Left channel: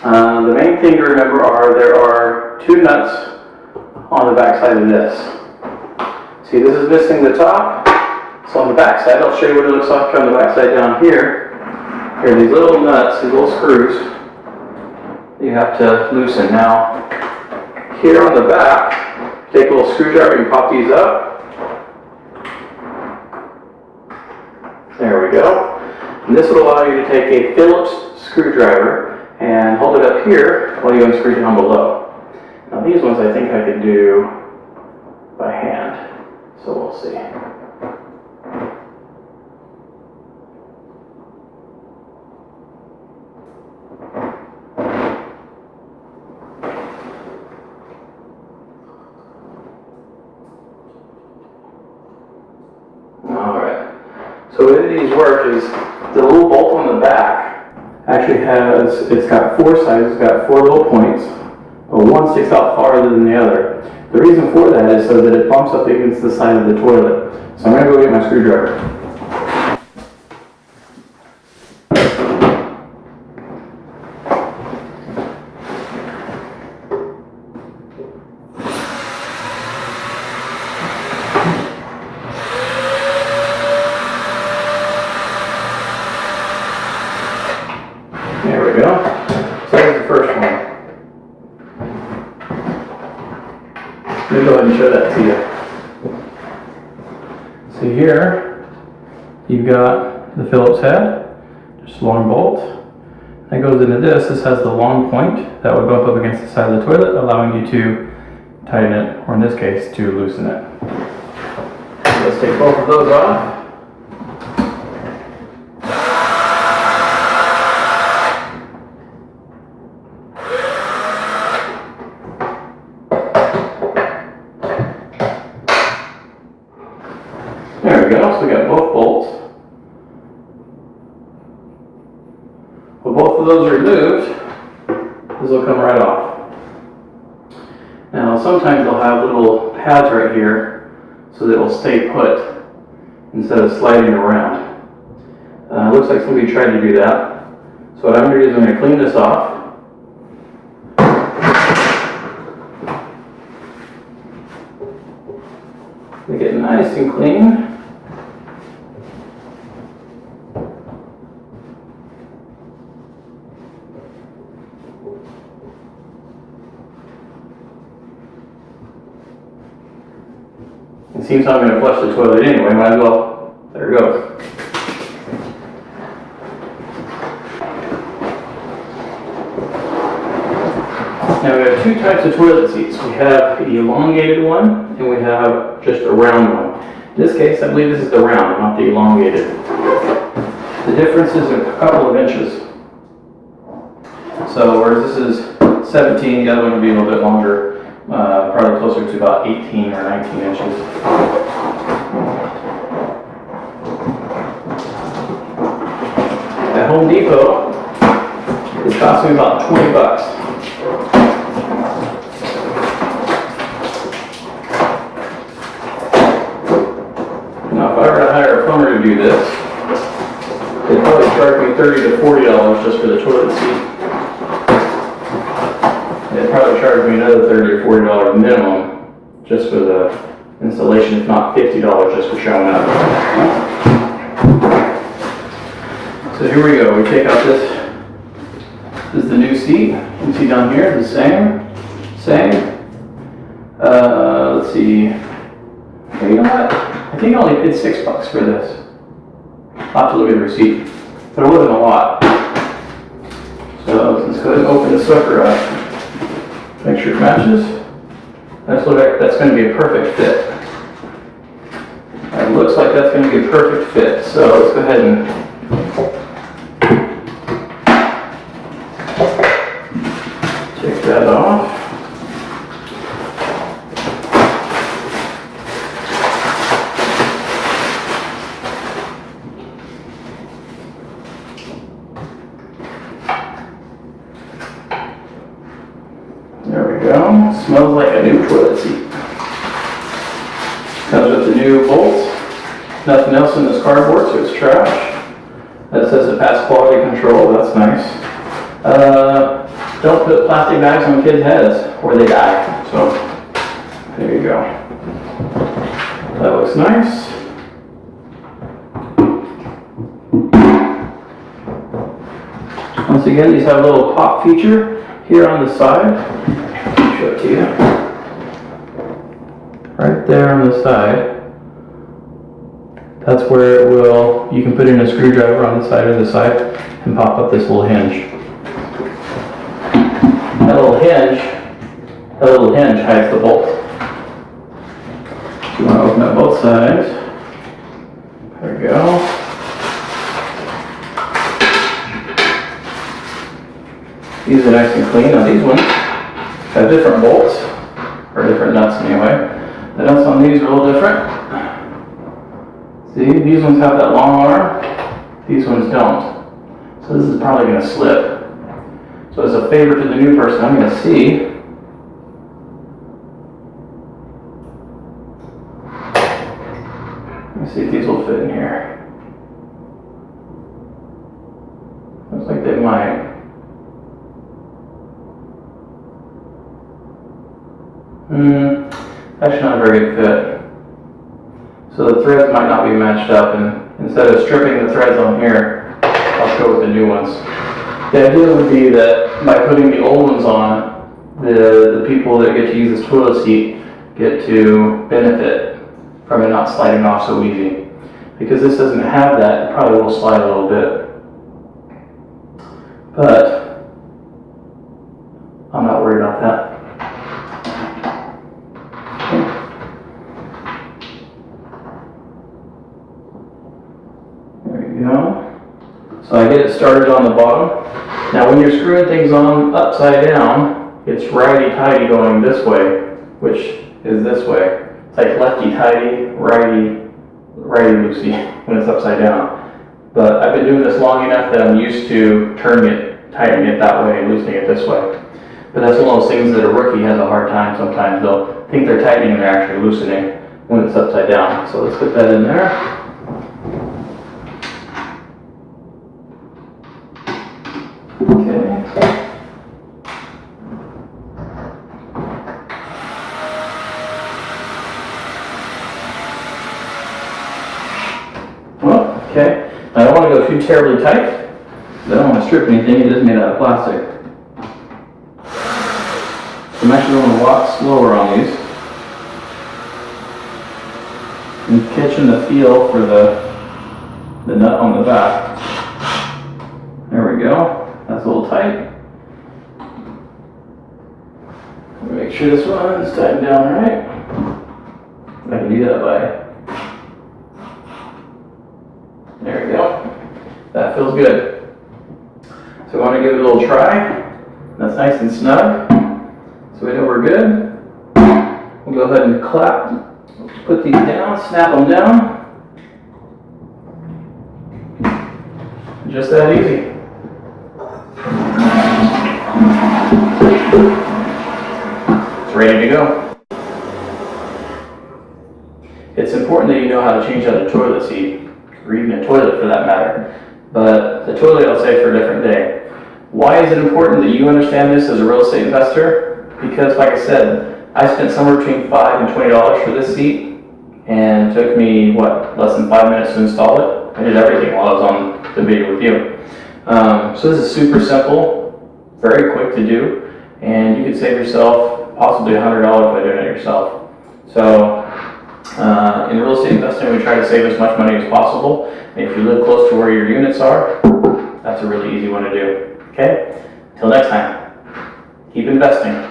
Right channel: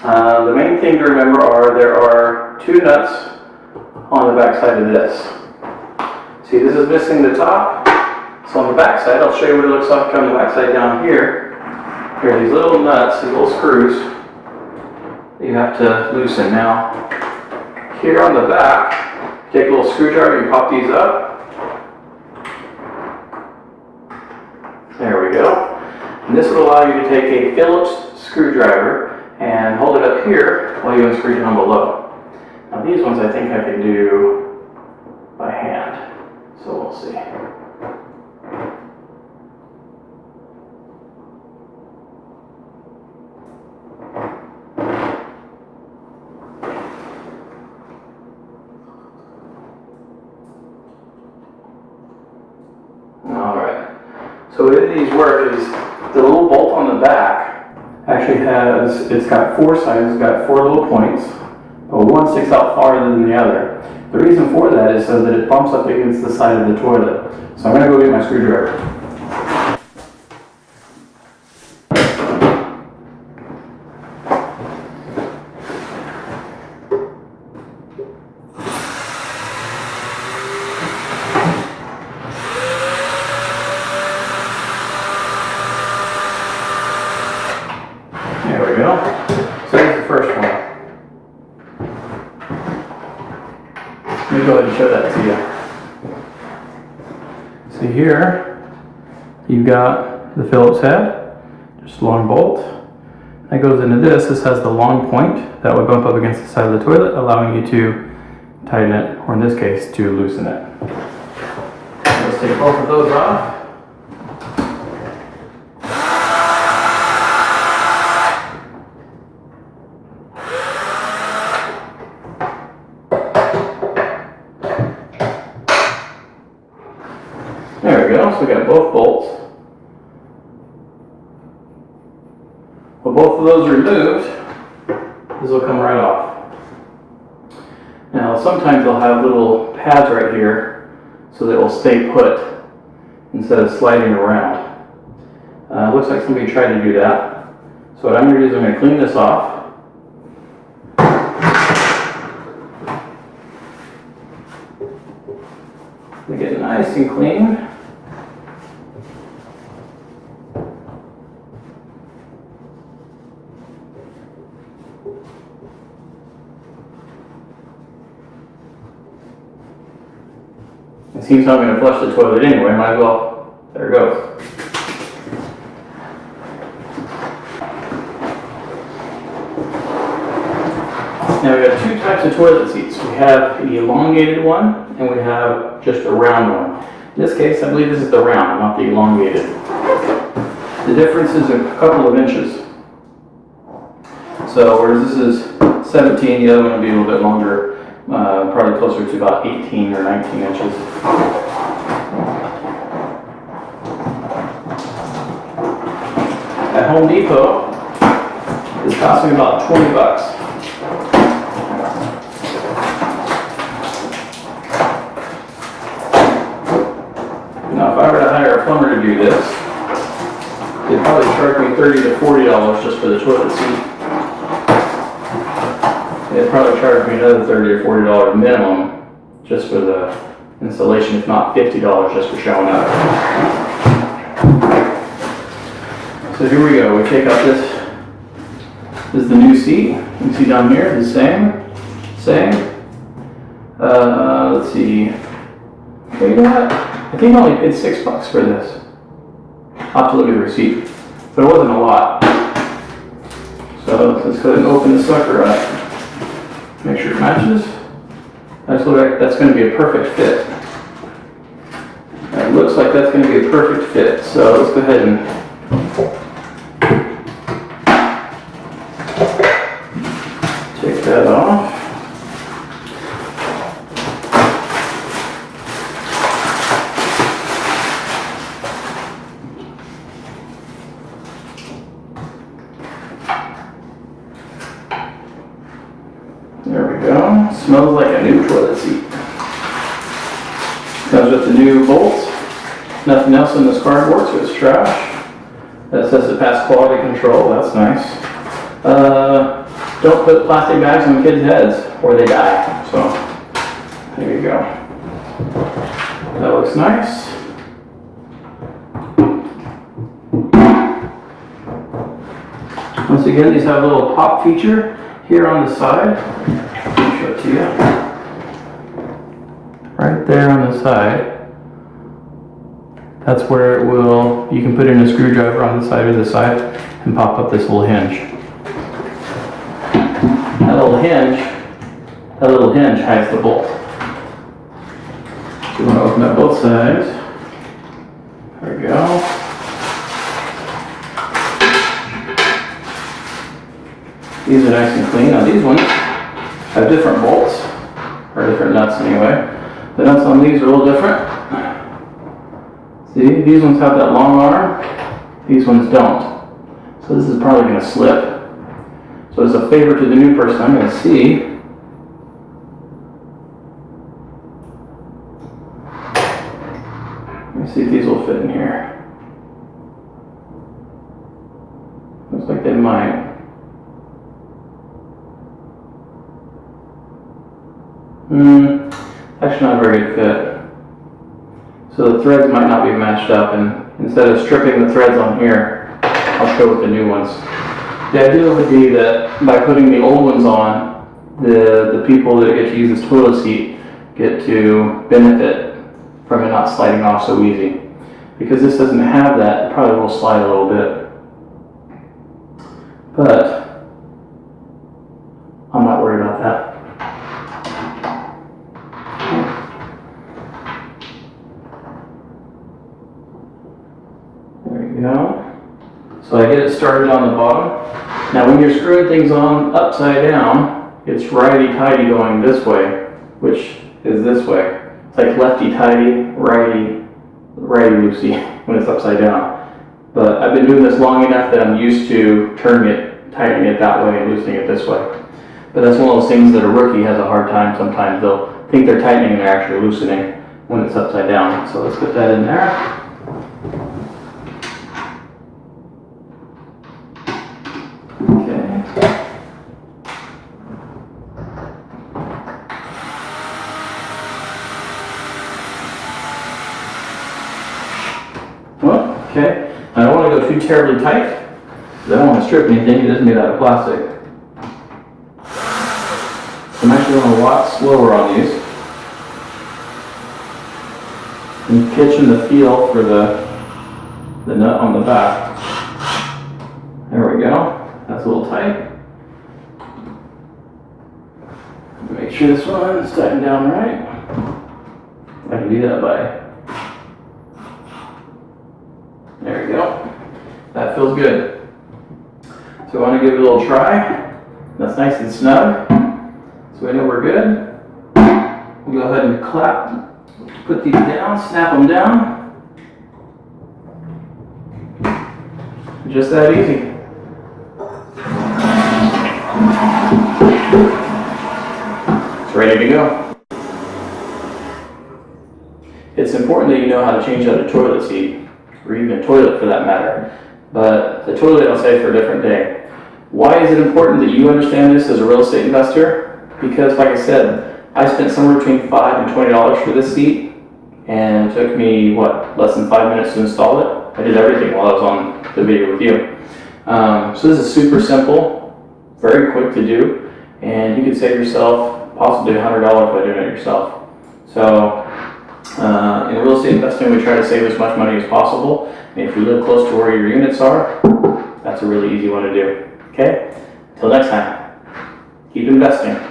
The main thing to remember are there are two nuts on the back side of this. See, this is missing the top. So on the back side, I'll show you what it looks like on the back side down here. There are these little nuts, these little screws you have to loosen. Now, here on the back, take a little screwdriver and pop these up. There we go. And this will allow you to take a Phillips screwdriver and hold it up here while you unscrew down below. Now these ones I think I can do by hand, so we'll see. Alright, so the way these work is the little bolt on the back actually it's got four sides, it's got four little points, but one sticks out farther than the other. The reason for that is so that it bumps up against the side of the toilet. So I'm going to go get my screwdriver. There we go. So there's the first one. Let me go ahead and show that to you. See here, you've got the Phillips head, just a long bolt. That goes into this. This has the long point that would bump up against the side of the toilet, allowing you to tighten it, or in this case, to loosen it. Let's take both of those off. There we go, so we got both bolts. When both of those are removed, this will come right off. Now sometimes they'll have little pads right here so that it will stay put instead of sliding around. Looks like somebody tried to do that. So what I'm going to do is I'm going to clean this off. We get nice and clean. It seems I'm going to flush the toilet anyway, might as well let her go. Now we have two types of toilet seats. We have the elongated one and we have just a round one. In this case, I believe this is the round, not the elongated. The difference is a couple of inches. So whereas this is 17, the other one will be a little bit longer. Probably closer to about 18 or 19 inches. At Home Depot, it's costing about 20 bucks. Now if I were to hire a plumber to do this, they'd probably charge me $30 to $40 just for the toilet seat. They'd probably charge me another $30 or $40 minimum just for the installation, if not $50 just for showing up. So here we go. We take out this. This is the new seat. You can see down here, the same. Let's see. Well, you know what? I think I only paid $6 for this. I'll have to look at the receipt, but it wasn't a lot. So let's go ahead and open this sucker up. Make sure it matches. That's going to be a perfect fit. It looks like that's going to be a perfect fit. So let's go ahead and take that off. There we go. Smells like a new toilet seat. Comes with the new bolts. Nothing else in this cardboard, so it's trash. That says it passed quality control. That's nice. don't put plastic bags on kids' heads or they die. So there you go. That looks nice. Once again, these have a little pop feature here on the side. I'll show it to you. Right there on the side. That's where it will, you can put in a screwdriver on the side or the side and pop up this little hinge. That little hinge hides the bolt. I'm going to open up both sides. There we go. These are nice and clean. Now these ones have different bolts, or different nuts anyway. The nuts on these are a little different. See, these ones have that long arm, these ones don't. So this is probably going to slip. So as a favor to the new person, I'm going to see. Let me see if these will fit in here. Looks like they might. Actually not a very good fit. So the threads might not be matched up, and instead of stripping the threads on here, I'll show with the new ones. The idea would be that by putting the old ones on, the people that get to use this toilet seat get to benefit from it not sliding off so easy. Because this doesn't have that, it probably will slide a little bit. But I'm not worried about that. So I get it started on the bottom. Now when you're screwing things on upside down, it's righty-tighty going this way, which is this way. It's like lefty-tighty, righty-loosey when it's upside down. But I've been doing this long enough that I'm used to turning it, tightening it that way and loosening it this way. But that's one of those things that a rookie has a hard time sometimes. They'll think they're tightening and they're actually loosening when it's upside down. So let's put that in there. Okay, I don't want to go too terribly tight. I don't want to strip anything, it is made out of plastic. I'm actually going a lot slower on these. I'm catching the feel for the nut on the back. There we go, that's a little tight. Make sure this one is tightened down right. I can do that by. There we go. That feels good. So I want to give it a little try. That's nice and snug. So we know we're good. We'll go ahead and put these down, snap them down. Just that easy. It's ready to go. It's important that you know how to change out a toilet seat, or even a toilet for that matter. But the toilet I'll save for a different day. Why is it important that you understand this as a real estate investor? Because like I said, I spent somewhere between $5 and $20 for this seat, and it took me, less than 5 minutes to install it. I did everything while I was on the video with you. So this is super simple, very quick to do, and you could save yourself possibly $100 by doing it yourself. So in real estate investing, we try to save as much money as possible. And if you live close to where your units are, that's a really easy one to do. Okay? Till next time, keep investing.